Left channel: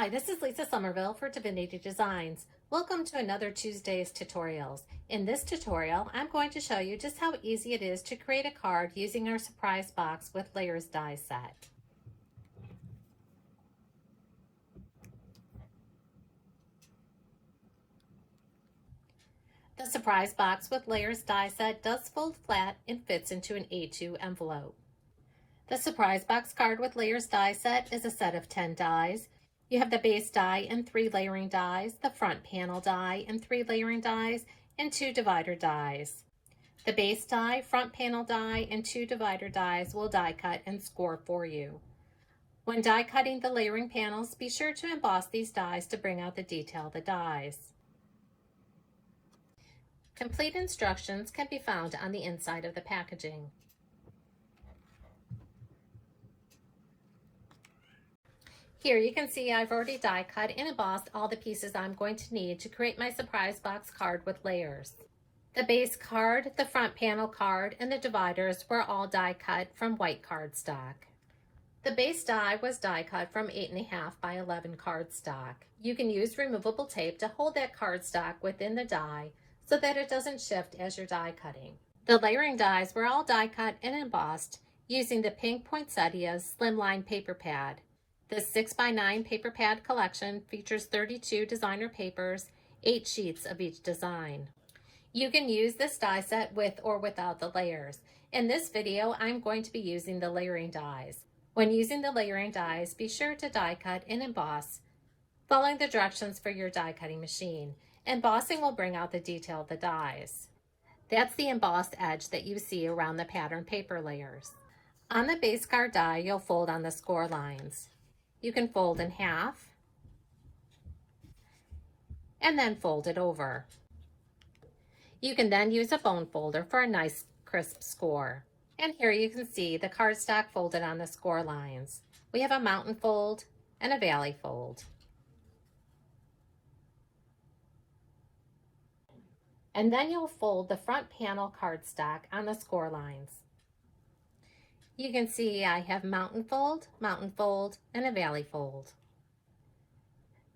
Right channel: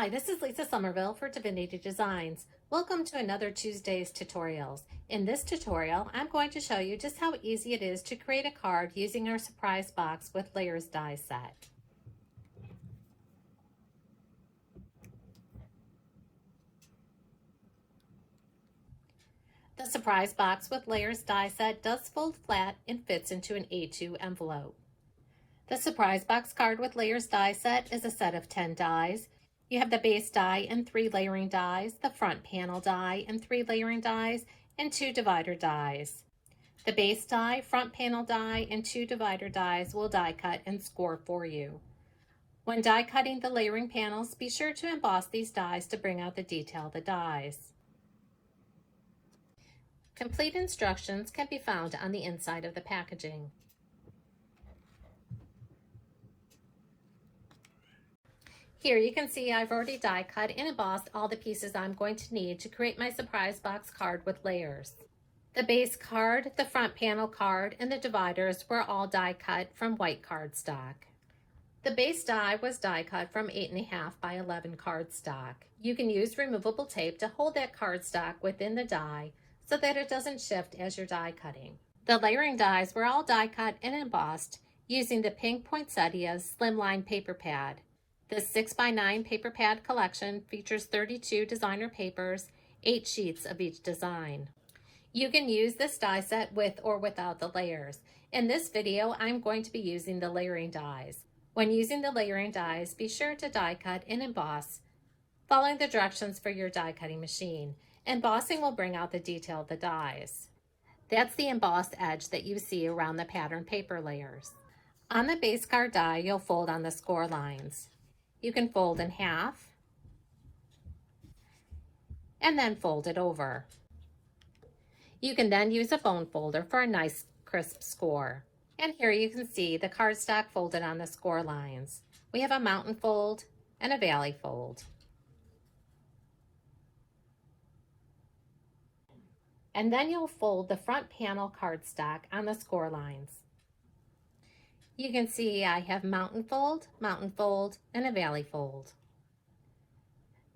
Hi, this is Lisa Somerville for Dvinity Designs. Welcome to another Tuesday's tutorials. In this tutorial, I'm going to show you just how easy it is to create a card using our surprise box with layers die set. The surprise box with layers die set does fold flat and fits into an A2 envelope. The surprise box card with layers die set is a set of 10 dies. You have the base die and 3 layering dies, the front panel die and 3 layering dies, and 2 divider dies. The base die, front panel die, and 2 divider dies will die cut and score for you. When die cutting the layering panels, be sure to emboss these dies to bring out the detail of the dies. Complete instructions can be found on the inside of the packaging. Here you can see I've already die cut and embossed all the pieces I'm going to need to create my surprise box card with layers. The base card, the front panel card, and the dividers were all die cut from white cardstock. The base die was die cut from 8.5 by 11 cardstock. You can use removable tape to hold that cardstock within the die so that it doesn't shift as you're die cutting. The layering dies were all die cut and embossed using the pink poinsettia slimline paper pad. This 6x9 paper pad collection features 32 designer papers, 8 sheets of each design. You can use this die set with or without the layers. In this video, I'm going to be using the layering dies. When using the layering dies, be sure to die cut and emboss, following the directions for your die cutting machine. Embossing will bring out the detail of the dies. That's the embossed edge that you see around the pattern paper layers. On the base card die, you'll fold on the score lines. You can fold in half and then fold it over. You can then use a bone folder for a nice crisp score. And here you can see the cardstock folded on the score lines. We have a mountain fold and a valley fold. And then you'll fold the front panel cardstock on the score lines. You can see I have mountain fold, and a valley fold.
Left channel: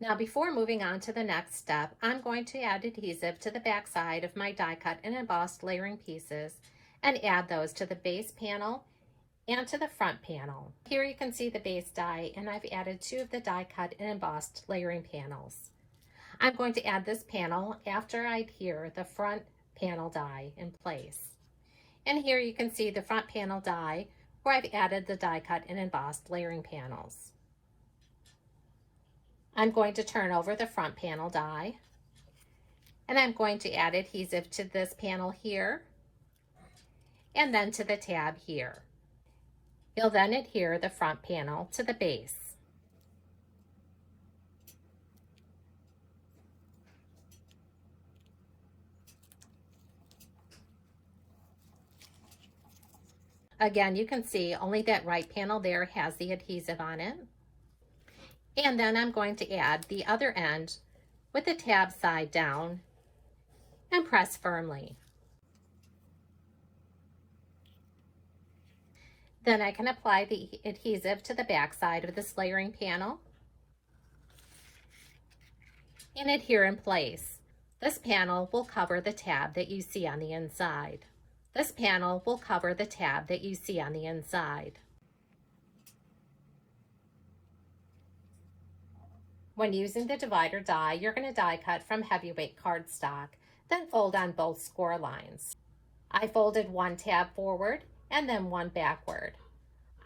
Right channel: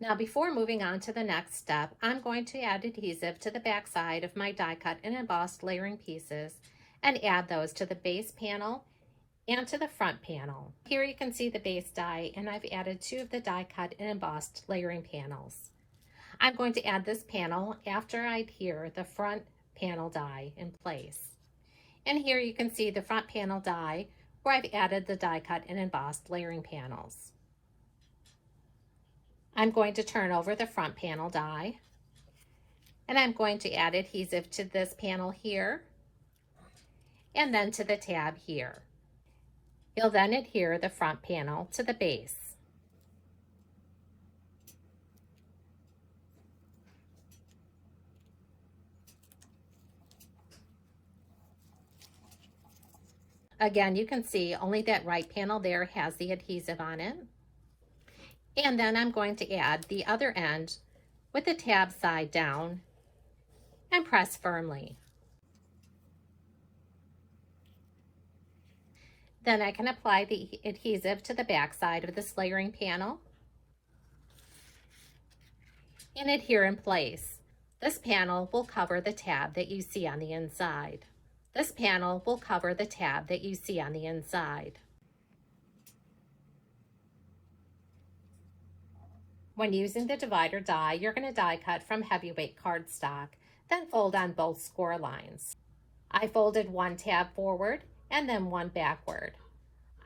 Now before moving on to the next step, I'm going to add adhesive to the back side of my die cut and embossed layering pieces and add those to the base panel and to the front panel. Here you can see the base die, and I've added 2 of the die cut and embossed layering panels. I'm going to add this panel after I adhere the front panel die in place. And here you can see the front panel die where I've added the die cut and embossed layering panels. I'm going to turn over the front panel die, and I'm going to add adhesive to this panel here and then to the tab here. You'll then adhere the front panel to the base. Again, you can see only that right panel there has the adhesive on it. And then I'm going to add the other end with the tab side down and press firmly. Then I can apply the adhesive to the back side of this layering panel and adhere in place. This panel will cover the tab that you see on the inside. This panel will cover the tab that you see on the inside. When using the divider die, you're going to die cut from heavyweight cardstock, then fold on both score lines. I folded 1 tab forward and then 1 backward.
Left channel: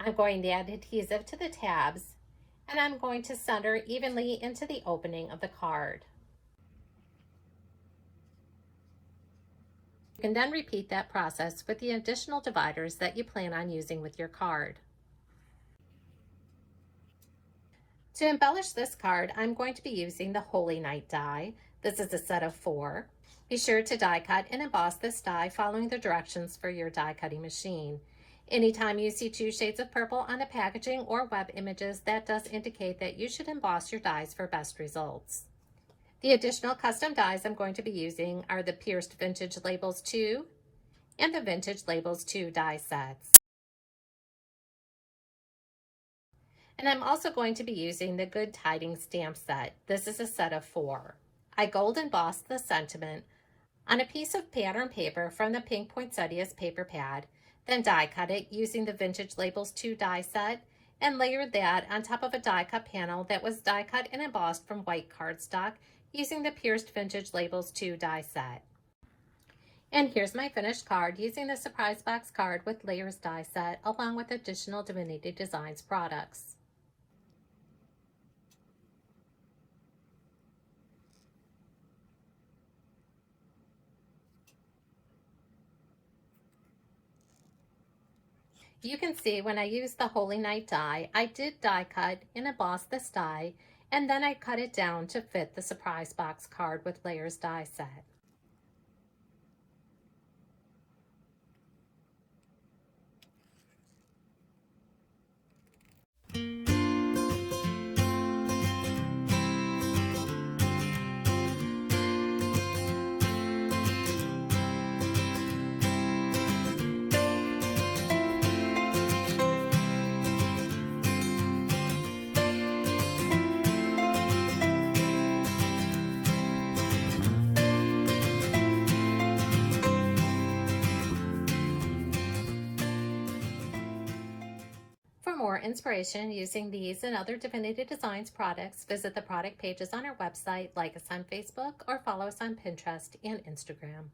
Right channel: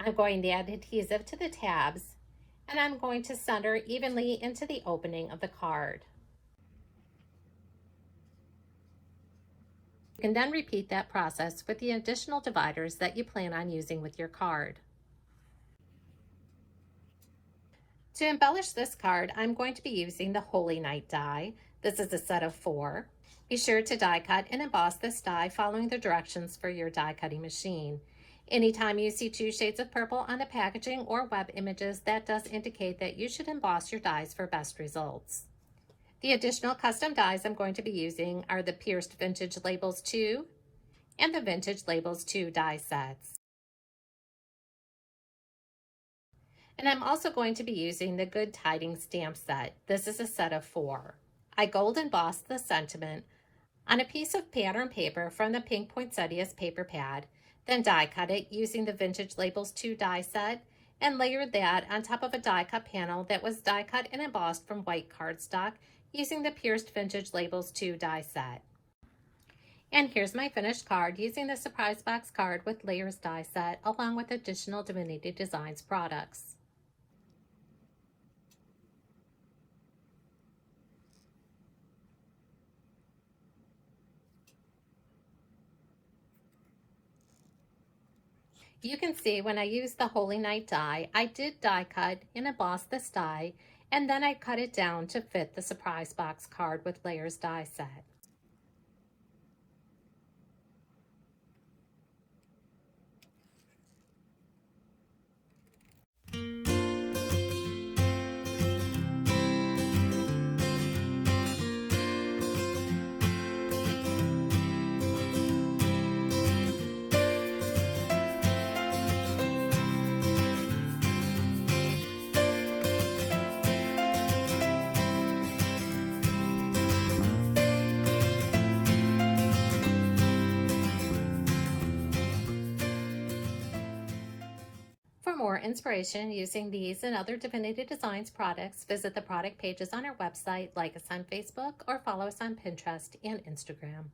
I'm going to add adhesive to the tabs, and I'm going to center evenly into the opening of the card. You can then repeat that process with the additional dividers that you plan on using with your card. To embellish this card, I'm going to be using the Holy Night die. This is a set of 4. Be sure to die cut and emboss this die following the directions for your die cutting machine. Anytime you see 2 shades of purple on the packaging or web images, that does indicate that you should emboss your dies for best results. The additional custom dies I'm going to be using are the Pierced Vintage Labels 2 and the Vintage Labels 2 die sets. And I'm also going to be using the Good Tidings stamp set. This is a set of 4. I gold embossed the sentiment on a piece of pattern paper from the Pink Poinsettias paper pad, then die cut it using the Vintage Labels 2 die set, and layered that on top of a die cut panel that was die cut and embossed from white cardstock using the Pierced Vintage Labels 2 die set. And here's my finished card using the Surprise Box card with layers die set along with additional Dvinity Designs products. You can see when I used the Holy Night die, I did die cut and emboss this die, and then I cut it down to fit the Surprise Box card with layers die set. For more inspiration using these and other Dvinity Designs products, visit the product pages on our website, like us on Facebook, or follow us on Pinterest and Instagram.